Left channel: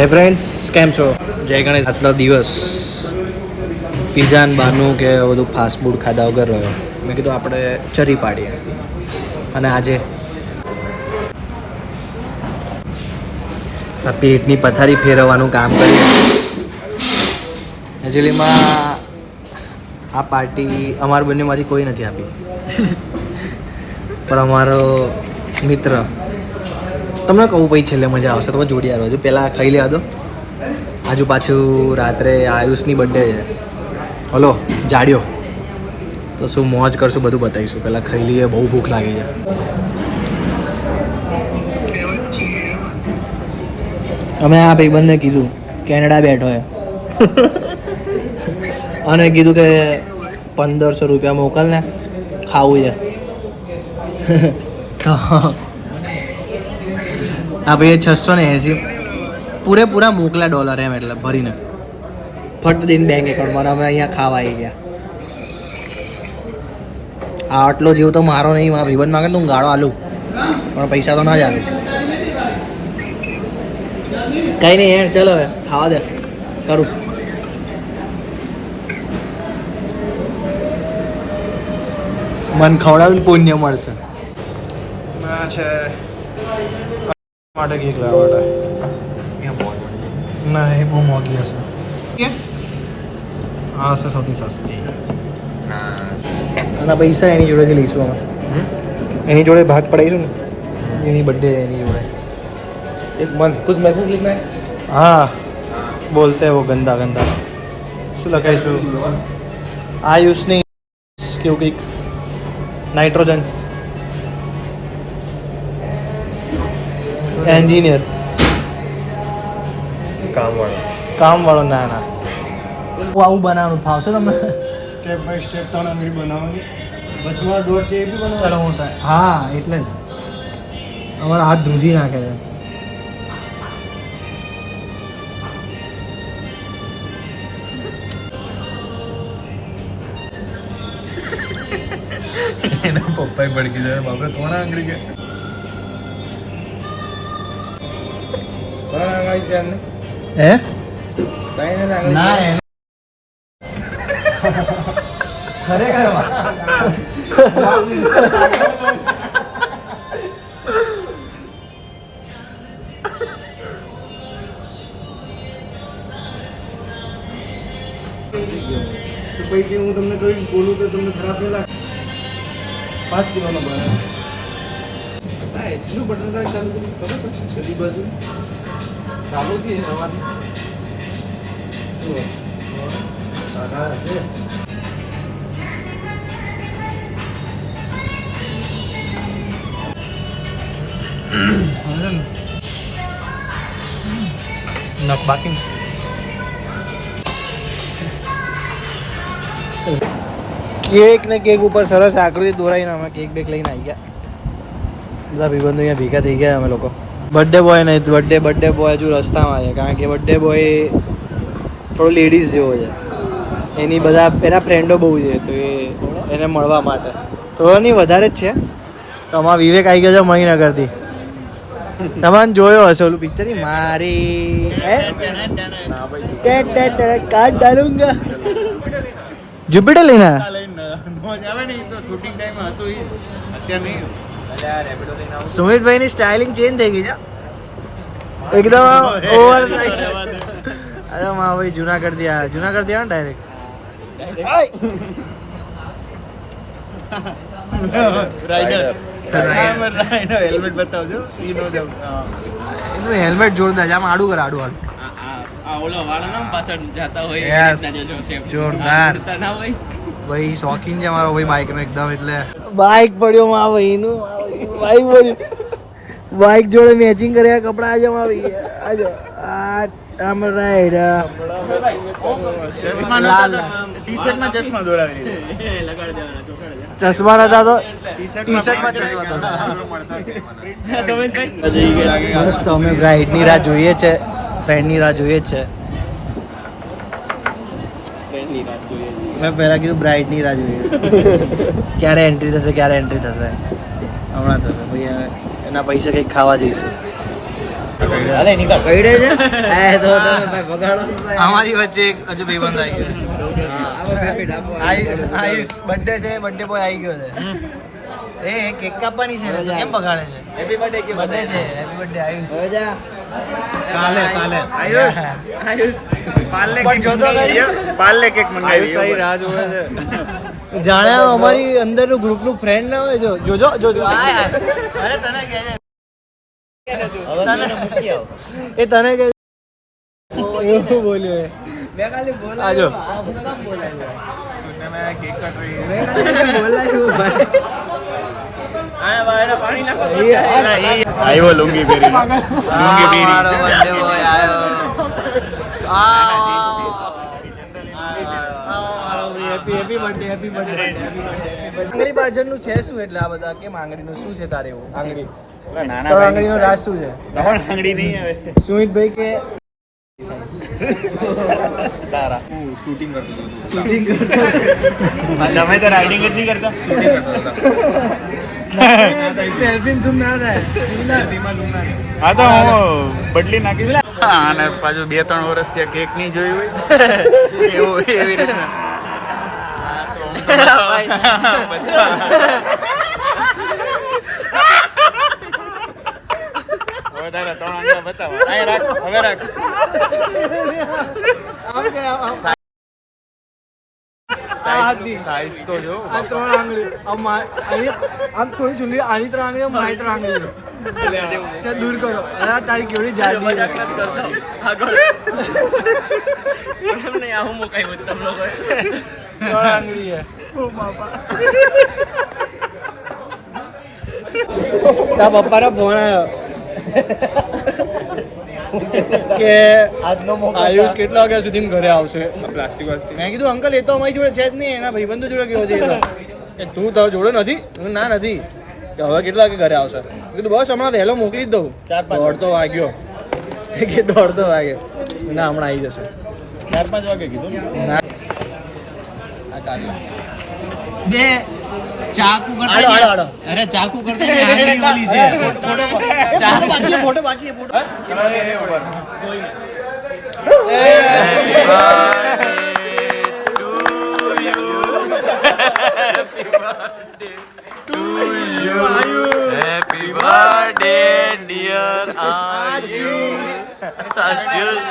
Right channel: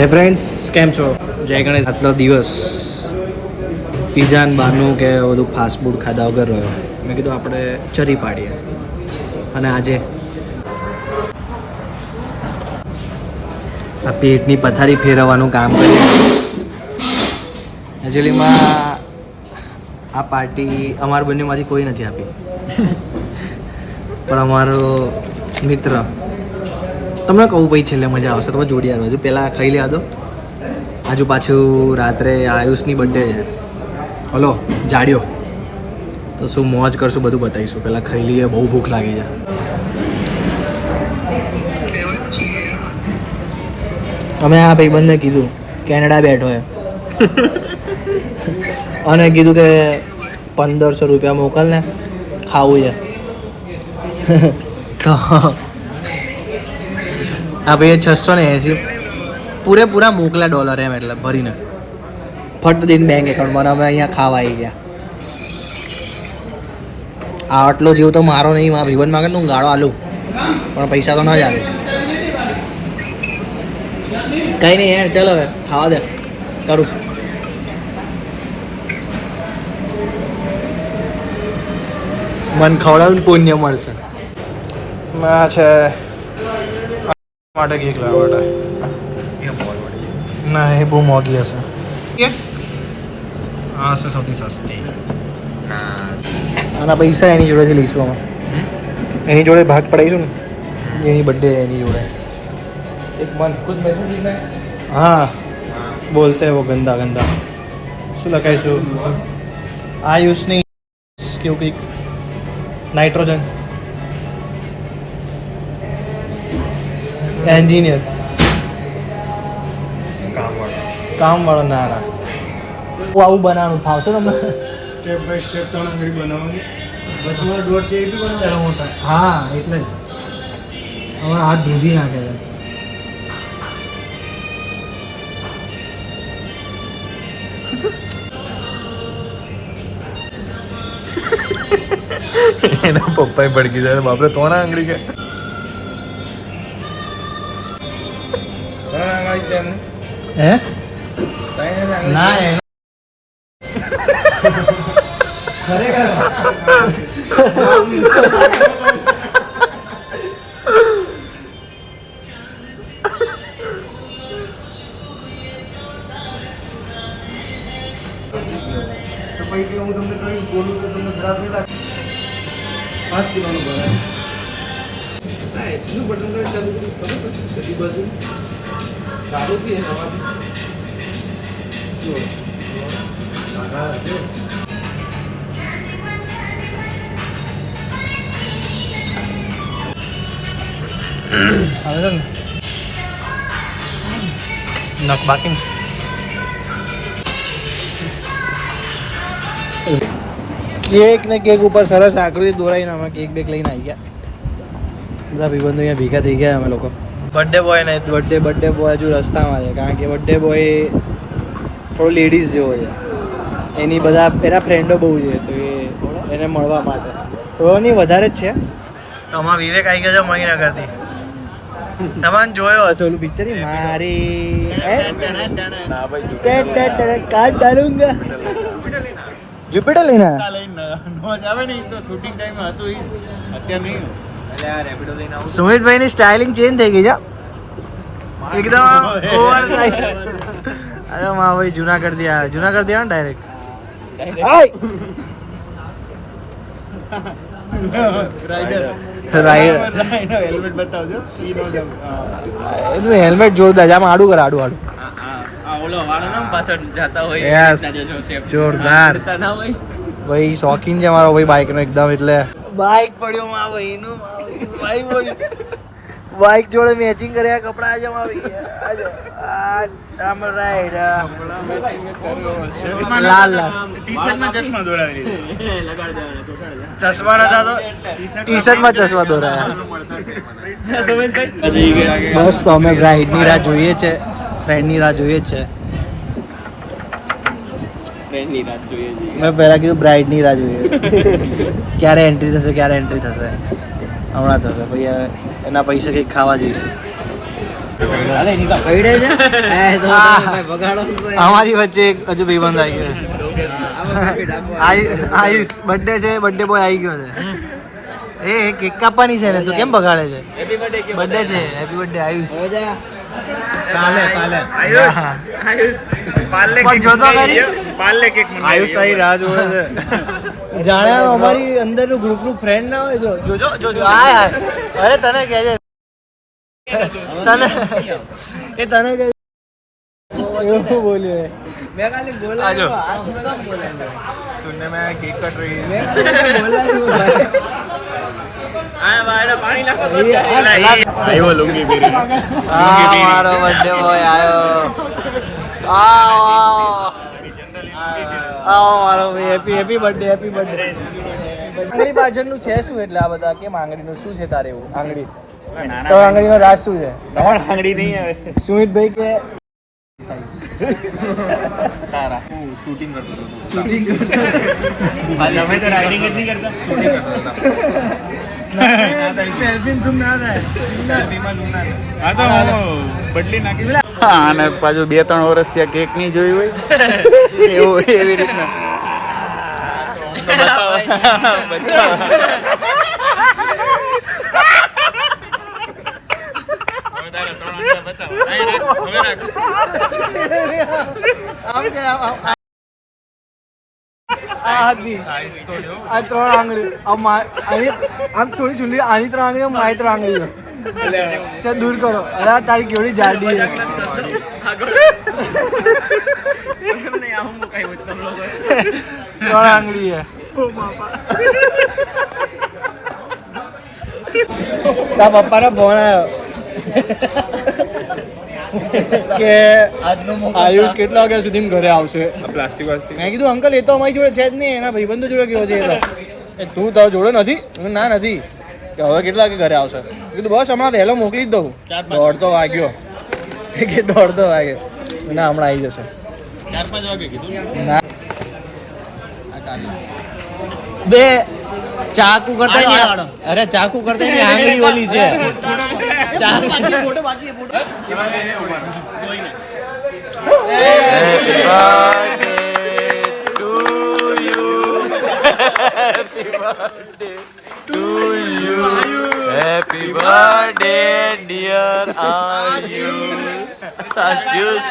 હે ફ્રેન્ડ્સ, કેમ છો? જય ગણેશ. આટલો દિવસ પીઝા ને બહારનું કે બધું ફાસ્ટ ફૂડ ખાધા વગર રહ્યો. મેં કીધું આપણે ચરી પાડીએ અને આજે આ પેટની પથારી ફેરવવાનું કામ કરીએ. એકચ્યુઅલીમાં આ પાર્ટી અમારા બંનેમાંથી કોઈ નથી આપી, પણ અમારો મિત્ર, તમને કહું પછી છેલ્લે મજા આવશે. તમે જોડી આવ્યો છું, પહેલાં ખાઈ લેવા દો. આજુ પાછું રાત્રે આયુષની બર્થડે છે. હલો જાડ્યો, તો શું મોજ કરશું બધું બતાવીશું. પહેલાં ખાઈ લઈએ, બહુ ભૂખ લાગી છે. અમે આ ભાઈબંધને કીધું કેનેડા બેઠો છે અને કીધું કે 1500 રૂપિયા મોકલ ને, ખાવું છે. તો આ ભાઈએ 680 પૂરેપૂરા મોકલ્યા ડોલર, એમ એટલે ભરીને ફટ દઈને બેંક એકાઉન્ટમાં. અમે અહીંયા ખાવા આવી ગયા. આટલો જીવ તો મારો નહીં, મારા ભાઈબંધ માગે તો હું ગાળો આલું, પણ પૈસા તો ના જ આવે. કંઈ નહીં યાર, ચાલો હવે ખાવા દે, કરું. મન ખવડાવીને પુણ્ય મળશે. ના છે માટે કેક લાવવા માટે. ના, એ બહુ મોંઘી હશે. હા, હશે સૌથી સસ્તી. આના પૈસા એની જોડેથી લઈશું અમે. એની જોડે ભાગ પડાવીશું ને, એની બર્થડે એની જોડે. એક મંથ કુછ મેસેજ लिखना है. हाँ, बोलते हैं वो गंदा गंदा. શું લખાઈશું? આયુષ નહીં કેવું કંઈક, નાઇટ્રોજન એન્જિનિયર કામ વાળો. ના ના, હું આવું બનાવવાનું ફાવશે તમને? સ્ટેપ બાય સ્ટેપ ત્રણ આંગળી બનાવવાની. વચમાં દોઢ છે એ બી બનાવો. ચાલો હું હા, એટલે જ અમારા હાથ ધ્રુજી નાખે છે. એના પપ્પા ભડકી જાય બાપરે. ત્રણ આંગળી કે ત્રણ આંગળી છે એમને? હે ના, ખરેખર તો પછી હું તમને કઈ બોલું તો તમને ખરાબ નહીં લાગે? 5 કિલોનો બનાવે. હા, એસીનું બટન ચાલુ કર્યું ખબર બધી બાજુ ચાલુ થી સવારથી નખ બાકી. કેક ને કેક ઉપર સરસ આકૃતિ દોરાઈને અમે કેક બેક લઈને આવી ગયા. બધા ભાઈબંધો અહીંયા ભેગા થઈ ગયા. અમે લોકો બર્થડે બોય નહીં, બર્થડે બોય હજુ રસ્તામાં છે, કારણ કે બર્થડે બોય થોડો લેડીઝ જેવો છે. એની બધા એના ફ્રેન્ડો બહુ છે, તો એને મળવા માટે થોડો નહીં વધારે જ છે. તો અમારા વિવેક આવી ગયો છે મણિનગરથી. તમારે જોયો હશે ઓલું પિક્ચર, મારી કાર્ડ ડાલુંગા. જુપિટર લઈને આવે ને તો શૂટિંગ ટાઈમ હતું અત્યારે નહીં. સુમિતભાઈ ની સ્ટાઇલિંગ ચેન્જ થઈ ગઈ છે એકદમ ઓવર સાઇઝ. અરે મા ભાઈ જુનાગઢ થી આવ્યા ને ડાયરેક્ટ. હેલ્મેટ બતાવજો. એનું હેલ્મેટ જોરદાર છે. આમ આડું કર, આડું જોરદાર. ભાઈ શોખીન છે મારો ભાઈ બાઇક નો એકદમ. એટલે બાઇક પડ્યો મા ભાઈ નું, બાઇક પડ્યું, બાઇક જોડે મેચિંગ કર્યા કપડા. આજે મા ભાઈ લાલ લાલ ચશ્મા નતા તો ટી શર્ટમાં ચશ્મા દોરાયા. બસ તો અમે બ્રાઇડની રાહ જોઈએ છે, ફ્રેન્ડની રાહ જોઈએ છે. મેં પહેલા કીધું બ્રાઇડની રાહ જોઈએ. ક્યારે એન્ટ્રી થશે, ક્યારે એન્ટ્રી થશે? હમણાં થશે. પછી એના પૈસા કંઈક ખાવા જઈશું. અમારી વચ્ચે એક હજુ ભાઈબંધ આવી ગયો આયુષ બર્થડે છે, બર્થડે બોય આવી ગયો છે. એ કેક કાપવાની છે ને, તો કેમ બગાડે છે? બર્થડે છે, હેપી બર્થડે આયુષ. પણ જોતો ખરી, જાણે અમારી અંદરનું ગ્રુપનું ફ્રેન્ડ ના હોય. જોજો હાય અરે તને કહે છે, તને કહે એવું બોલ્યો આજો મારો બર્થડે બોય આવ્યો. Happy birthday. આંગળી પાછળનું છે શું? એટલે આ બધા કેમ આંગળીનું શું છે તારે એવું? આંગળી તો આંગળીનો રાજ શું છે? આંગળી નહીં આવે. સુમિતભાઈ કે તારા શૂટિંગ કરતો હતો. તમે તો રાઇડિંગ જ નહીં કરતા. શૂટિંગ કરતો હતો. સેલ્ફી ઝૂમ ના થાય. હા તો હું બદલી નાખી. અને પાછું 2-3 વર્ષ ત્યાં કેક નહીં જોયું હોય એવું એવી રીતના. તો બતાવો. સાઈઝ તો જો આ 3 આંગળી આમ થોડી ચૂંટણી આની 3 આંગળી મારી 3 આંગળી સર દૂર કરો. અલા તારી કેવડી જાડી છે. 3 આંગળી છે. તારા પપ્પાનો ફોન આવ્યો કે આયુષ કેટલા વાગ્યા સુધી ઘરે આવશે. મેં કીધું અંકલ એ તો અમારી જોડે છે જ નહીં, એના ભાઈબંધો જોડે ગયો છે. એ તો તું તારો જોડે નથી? ના નથી. કે હવે કેટલા વાગે ઘરે આવશે? કીધું બસ હમણાં વહેલો મોકલી જ દઉં. 1:30 વાગ્યો કે 1:30 વાગે. ના હમણાં આવી જશે. 4-5 વાગે કીધું ના બે ચાકુ કરતા અરે ચાકુ કરતા આંગળી ઓલી છે. ફોટો બાકી photo. Happy birthday to you. Happy birthday to you. Happy birthday dear Ayush. Ayush.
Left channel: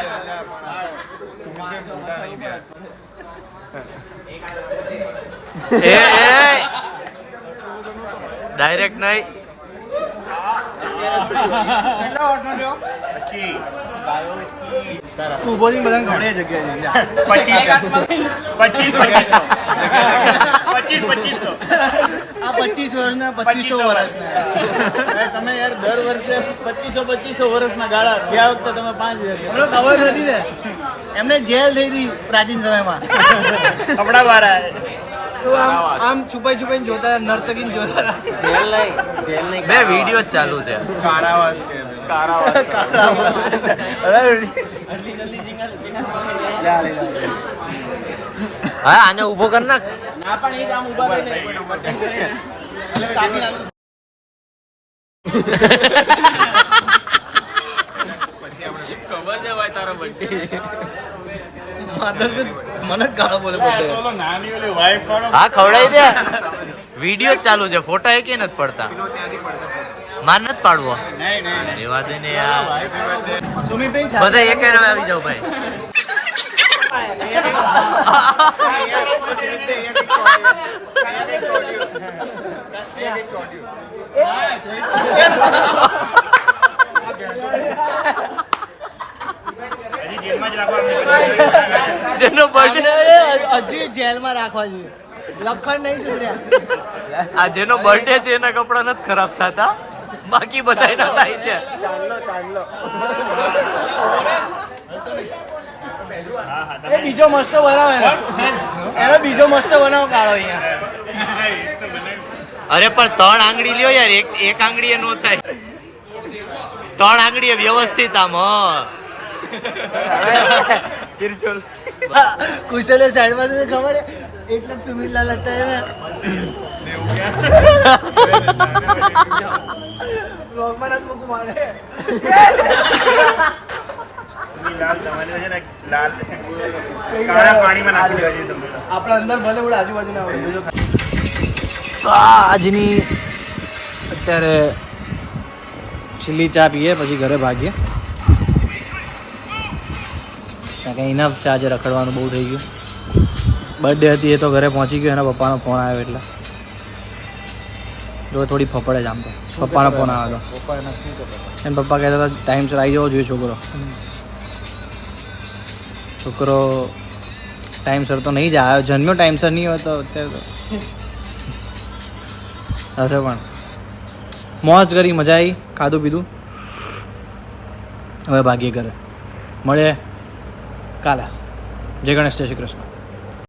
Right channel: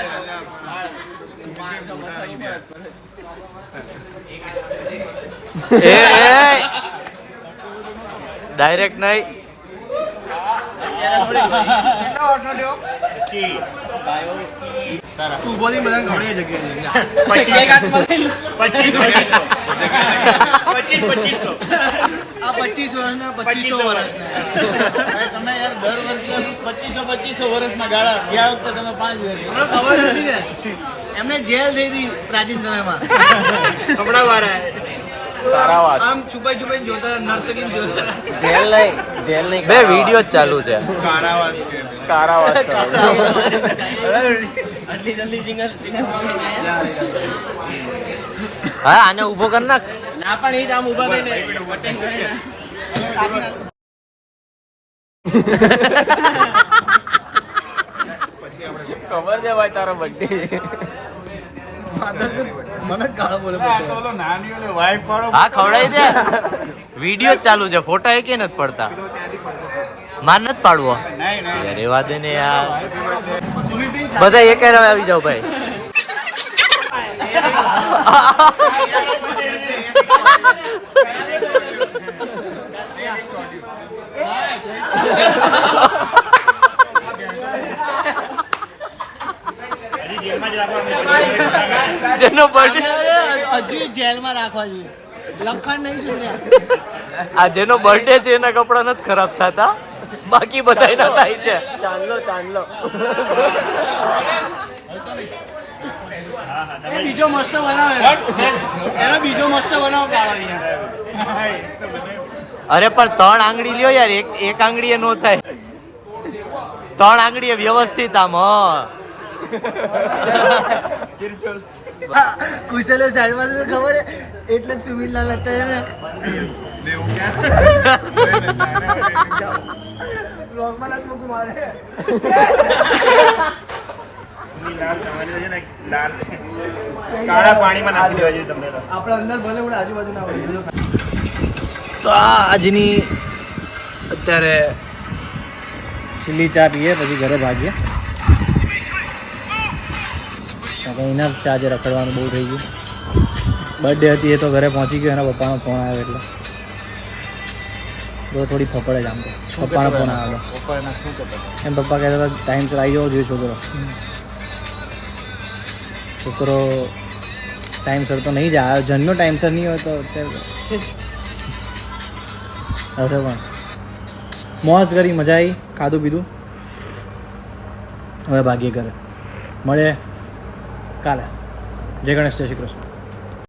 Direct નહીં. ઉભોથી બધાને ખડે જગ્યાએ આ 25 વર્ષના 2500 વર્ષના તમે યાર દર વર્ષે 2500 વર્ષના ગાળા. ગયા વખતે તમે 5000. ખબર નથી ને, એમને જેલ થઈ હતી પ્રાચીન સમયમાં. કપડા વાળા આમ છુપાઈ જોતા નર્તકી જોતા. બે વિડીયો ચાલુ છે. હા આને ઉભો કર નાખ. ના પણ એ જ આમ ઉભા થઈને ખબર છે ભાઈ તારો બર્થડે. મને ગાળો બોલે. હા ખવડાવી દે. વિડીયો ચાલુ છે, ફોટા એ કે નથી પડતા. માર નથી પાડવો. રેવા દે ને યાર. બધા એક આવી જાવ ભાઈ. જેનો બર્થડે હજી જેલમાં રાખવા જોઈએ. લખણ નહીં સુધર્યા. આ જેનો બર્થડે છે એના કપડા નથી ખરાબ થતા, બાકી બધા ના થાય છે. બીજો મસ્ત બનાવે. બીજો મસ્ત બનાવો કાળો. અરે પણ 3 આંગળી લ્યો યાર, એક આંગળી નો થાય. 3 આંગળી વ્યવસ્થિત આમ. કુશલે સાઈડમાં ખબર હે એટલે જ સુમિતલાલ હતા ને. બ્લોગમાં નથી મૂકું મારે લાલ તમારી છે ને લાલ કાળા પાણીમાં નાખી દેવા જોઈએ તમને તો. આપણે અંદર ભલે આપણે આજુબાજુ ના હોય તો આ આજની અત્યારે છેલ્લી ચા પીએ પછી ઘરે ભાગીએ કારણ કે ઇનફ છે આજે રખડવાનું બહુ થઈ ગયું બર્થડે હતી એ તો ઘરે પહોંચી ગયો એના પપ્પાનો ફોન આવ્યો એટલે જો થોડી ફફડે જ આમ તો પપ્પાનો ફોન આવ્યો હતો એમ પપ્પા કહેતા હતા ટાઈમસર આવી જવો જોઈએ છોકરો ટાઈમસર તો નહીં જ આવ્યો જન્મ્યો ટાઈમસર નહીં હોય તો અત્યારે તો હશે પણ મોજ કરી મજા આવી ખાધું પીધું હવે ભાગીએ ઘરે મળીએ કાલે જય ગણેશ જય શ્રી કૃષ્ણ